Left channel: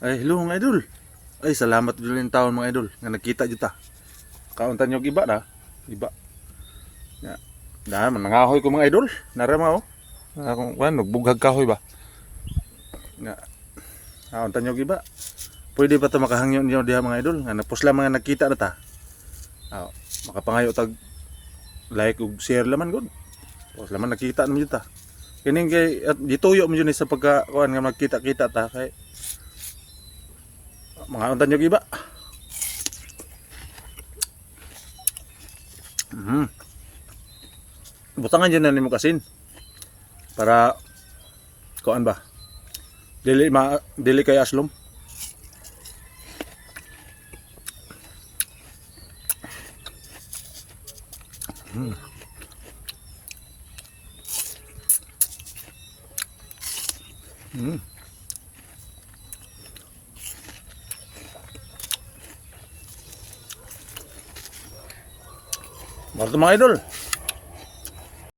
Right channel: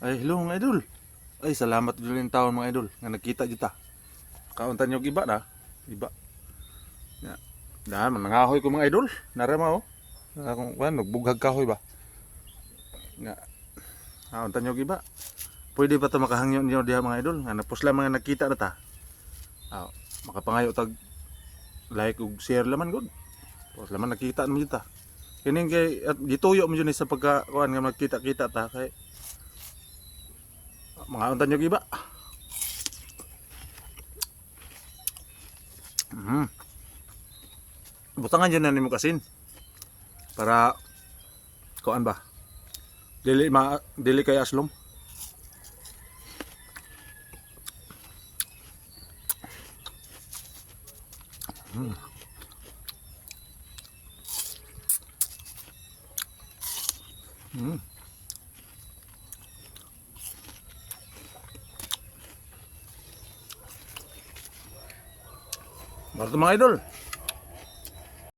Ay, hello mga idol. Ay, salamat din yung taon mga idol nga nakita dito ta. Kauntan nyo giba na. Iba. Ya. Na, manangahoy ko mga idol. Narama oh. Na kung kan nagbughag kahoy ba. Nga. Kauntan nyo giba. Pwede pa to makahangyo niyo diha mga idol. Nga napusla mga nakita na ta. Ah, makapangayo tag like ug share laman gud. Pos laman nakita naman ta. Kining kay at dituyo mo yun sa pagka kuan nga magkita-kita ta kay mga untan yung iba. Mm. Butangan dyan na mo kasin. Para kuan ba? Dili ma dili kay aslom. Mm. Mm. Marito mga idol.